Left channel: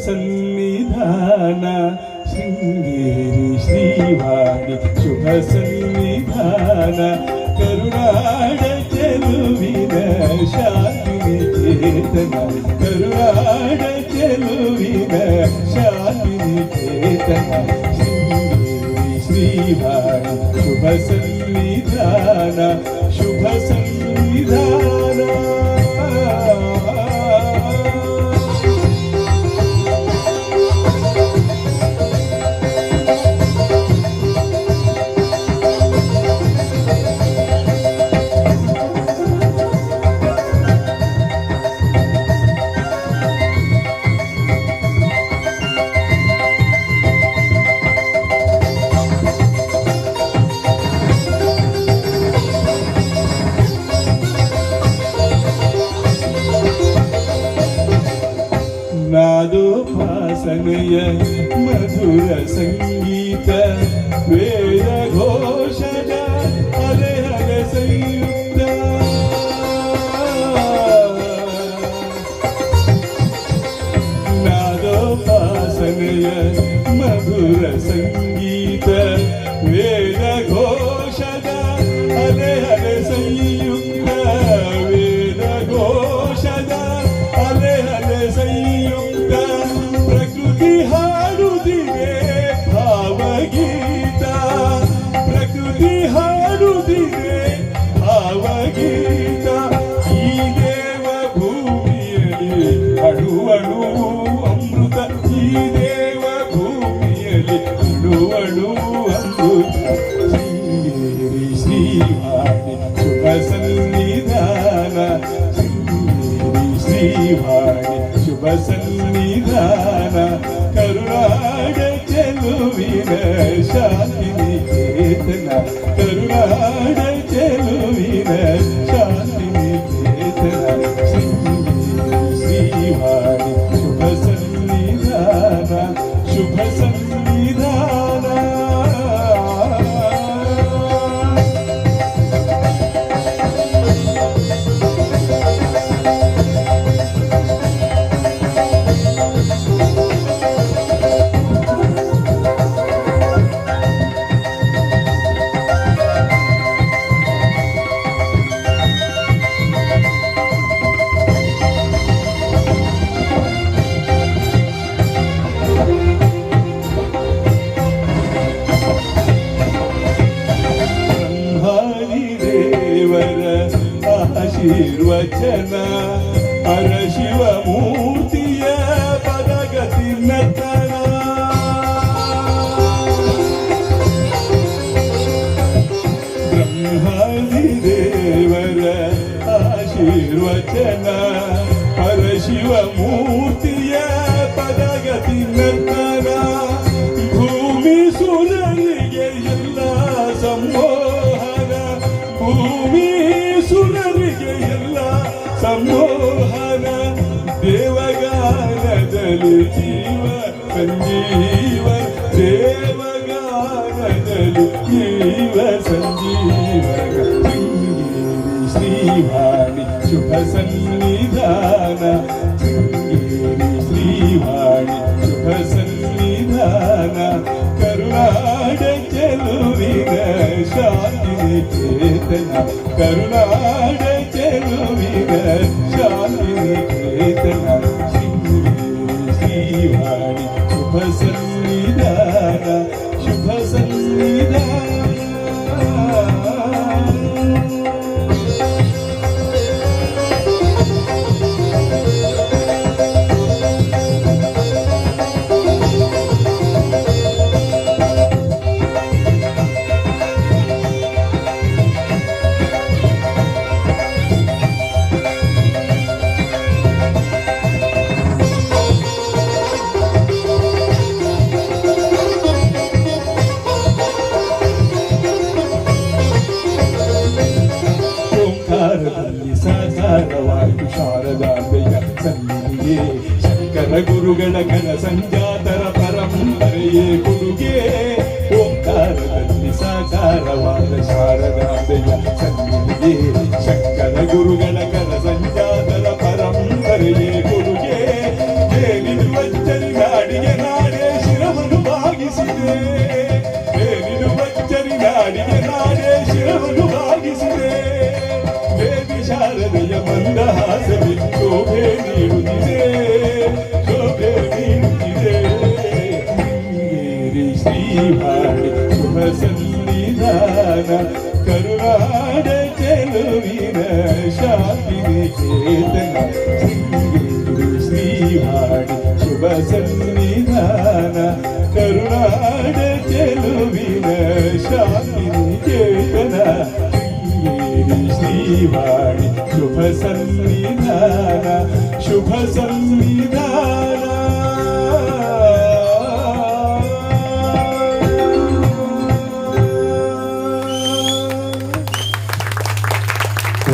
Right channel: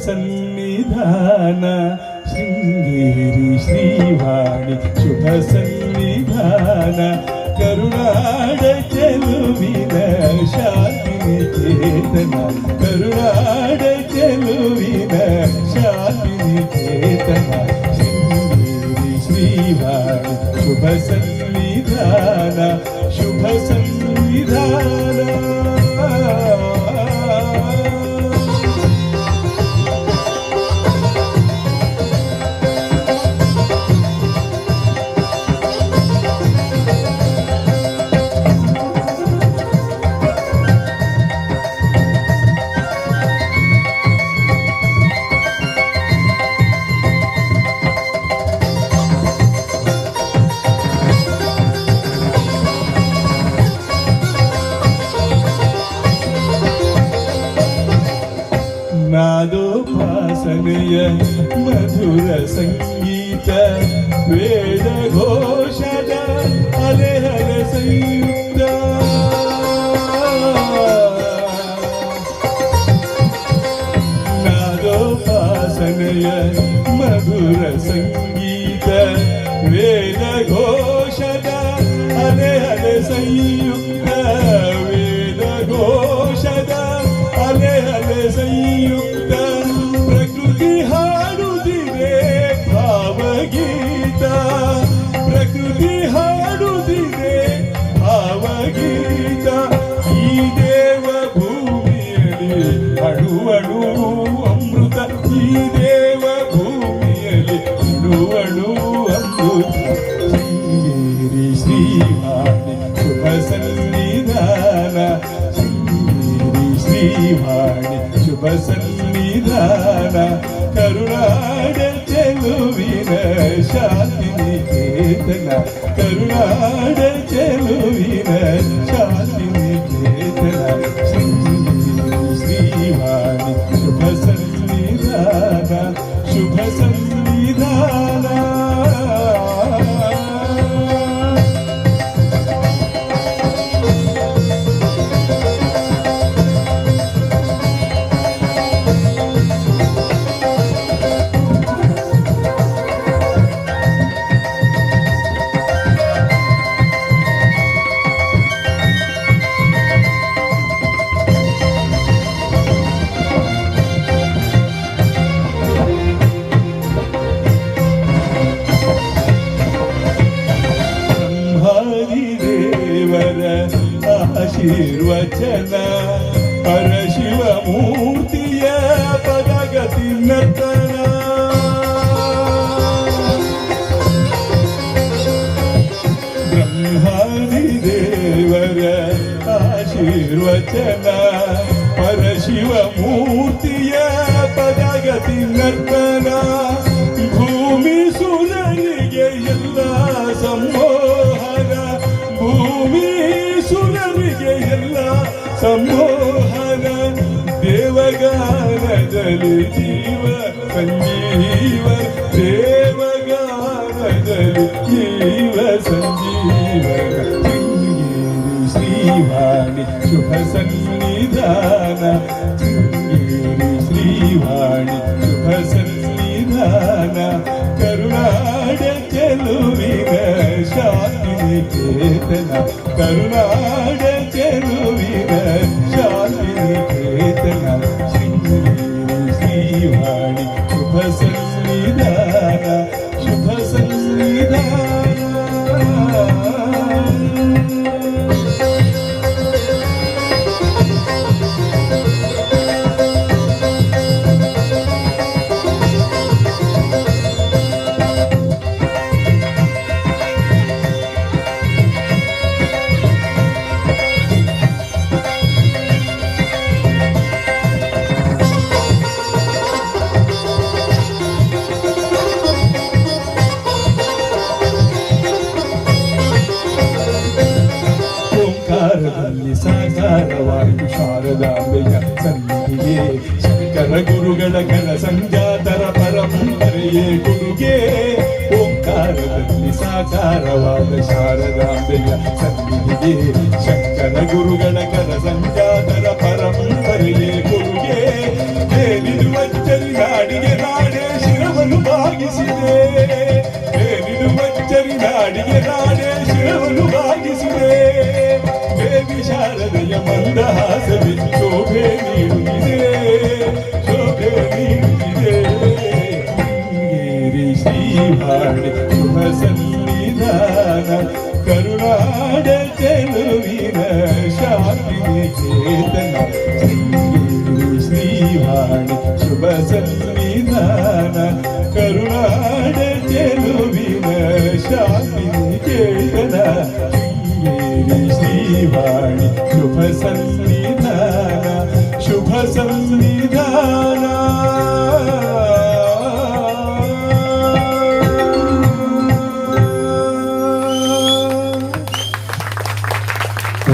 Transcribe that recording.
ಸನ್ನಿಧಾನ ಶೃಂಗೇರಿ ಶ್ರೀವಾಣಿ ಶುಭ ಸನ್ನಿಧಾನ ಕರುನಾಡ ಚೆಲುವಿನ ಶಾಂತಿನಿಕೇತನ ಕರುನಾಡ ಚೆಲುವಿನ ಶಾಂತಿನಿಕೇತನ ಶೃಂಗೇರಿ ಶ್ರೀವಾಣಿ ಶುಭ ಸನ್ನಿಧಾನ ಶುಭ ಸನ್ನಿಧಾನ. ನಾದೋಪಾಸನೆಯ ಮಧುರ ಸಂಗೀತ ವೇದ ಘೋಷದ ಅಲೆ ಅಲೆ ಸಂಯುಕ್ತ ನಾದೋಪಾಸನೆಯ ಮಧುರ ಸಂಗೀತ ವೇದ ಘೋಷದ ಅಲೆ ಅಲೆ ಸಂಯುಕ್ತ ವೇದ ಘೋಷದ ಅಲೆ ಅಲೆ ಸಂಯುಕ್ತ ಪ್ರಕೃತಿ ಹಾಡುತ್ತಿದೆ ಭಾವಗೀತ ಪ್ರಕೃತಿ ಹಾಡುತ್ತಿದೆ ಭಾವಗೀತ ಈ ದೇವ ಭೂಮಿಯಲ್ಲಿ ಅಣು ಅಣು ಅಮೃತ ಈ ದೇವ ಭೂಮಿಯಲ್ಲಿ ಅಣು ಅಣು ಅಮೃತ ಶೃಂಗೇರಿ ಶ್ರೀವಾಣಿ ಶುಭ ಸನ್ನಿಧಾನ ಶೃಂಗೇರಿ ಶ್ರೀವಾಣಿ ಶುಭ ಸನ್ನಿಧಾನ ಕರುನಾಡ ಚೆಲುವಿನ ಶಾಂತಿನಿಕೇತನ ಕರುನಾಡ ಚೆಲುವಿನ ಶಾಂತಿನಿಕೇತನ ಶೃಂಗೇರಿ ಶ್ರೀವಾಣಿ ಶುಭ ಸನ್ನಿಧಾನ ಶುಭ ಸನ್ನಿಧಾನ. ಆಶೀರ್ವಚನ ಪರಶಿವ ಮೂರ್ತಿಯ ಪದಗತಿ ನರ್ತನ ಬ್ರಹ್ಮಾದಿ ದೇವರ ಆಶೀರ್ವಚನ ಪರಶಿವ ಮೂರ್ತಿಯ ಪದಗತಿ ನರ್ತನ ಭೂಮಿ ಸುರರಿಗೆ ಎಲ್ಲ ಸಂಮೋಹನ ಭೂಮಿ ಸುರರಿಗೆ ಎಲ್ಲ ಸಂಮೋಹನ ದೇವಗಾನದಲ್ಲಿ ಜೀವ ಸಂಜೀವ ದೇವಗಾನದಲ್ಲಿ ಜೀವ ಸಂಜೀವ ಶೃಂಗೇರಿ ಶ್ರೀವಾಣಿ ಶುಭ ಸನ್ನಿಧಾನ ಶೃಂಗೇರಿ ಶ್ರೀವಾಣಿ ಶುಭ ಸನ್ನಿಧಾನ ಕರುನಾಡ ಚೆಲುವಿನ ಶಾಂತಿನಿಕೇತನ ಕರುನಾಡ ಚೆಲುವಿನ ಶಾಂತಿನಿಕೇತನ ಶೃಂಗೇರಿ ಶ್ರೀವಾಣಿ ಶುಭ ಸನ್ನಿಧಾನ ಶುಭ ಸನ್ನಿಧಾನ. ಸಾಕಾರವಾಯಿತು ಶಾರದಾಂಬೆಯ ಸನ್ನಿಧಿಗೆ ಶಂಕರ ಗುರುಗಳ ಘನ ಸಂಜಾತರ ಪರಂಪರೆಯೇ ಕೊಡುಗೆ ಓಂಕಾರದಲ್ಲಿ ಸಾಕಾರವಾದ ಶಾರದಾಂಬೆಯ ಸನ್ನಿಧಿಗೆ ಶಂಕರ ಗುರುಗಳ ಘನ ಸಂಜಾತರ ಪರಂಪರೆಯೇ ಕೊಡುಗೆ ಏನಿದು ಶೋಭೆ ನೀಡುತ್ತಿದೆ ಶೋಭೆ ನೀಡುತ್ತಿದೆ ಶೃಂಗೇರಿ ಶ್ರೀವಾಣಿ ಶುಭ ಸನ್ನಿಧಾನ ಕರುನಾಡ ಚೆಲುವಿನ ಶಾಂತಿ ಚೇತನ ಶೃಂಗೇರಿ ಶ್ರೀವಾಣಿ ಶುಭ ಸನ್ನಿಧಾನ ಕರುನಾಡ ಚೆಲುವಿನ ಶಾಂತಿ ಚೇತನ ಶೃಂಗೇರಿ ಶ್ರೀವಾಣಿ ಶುಭ ಸನ್ನಿಧಾನ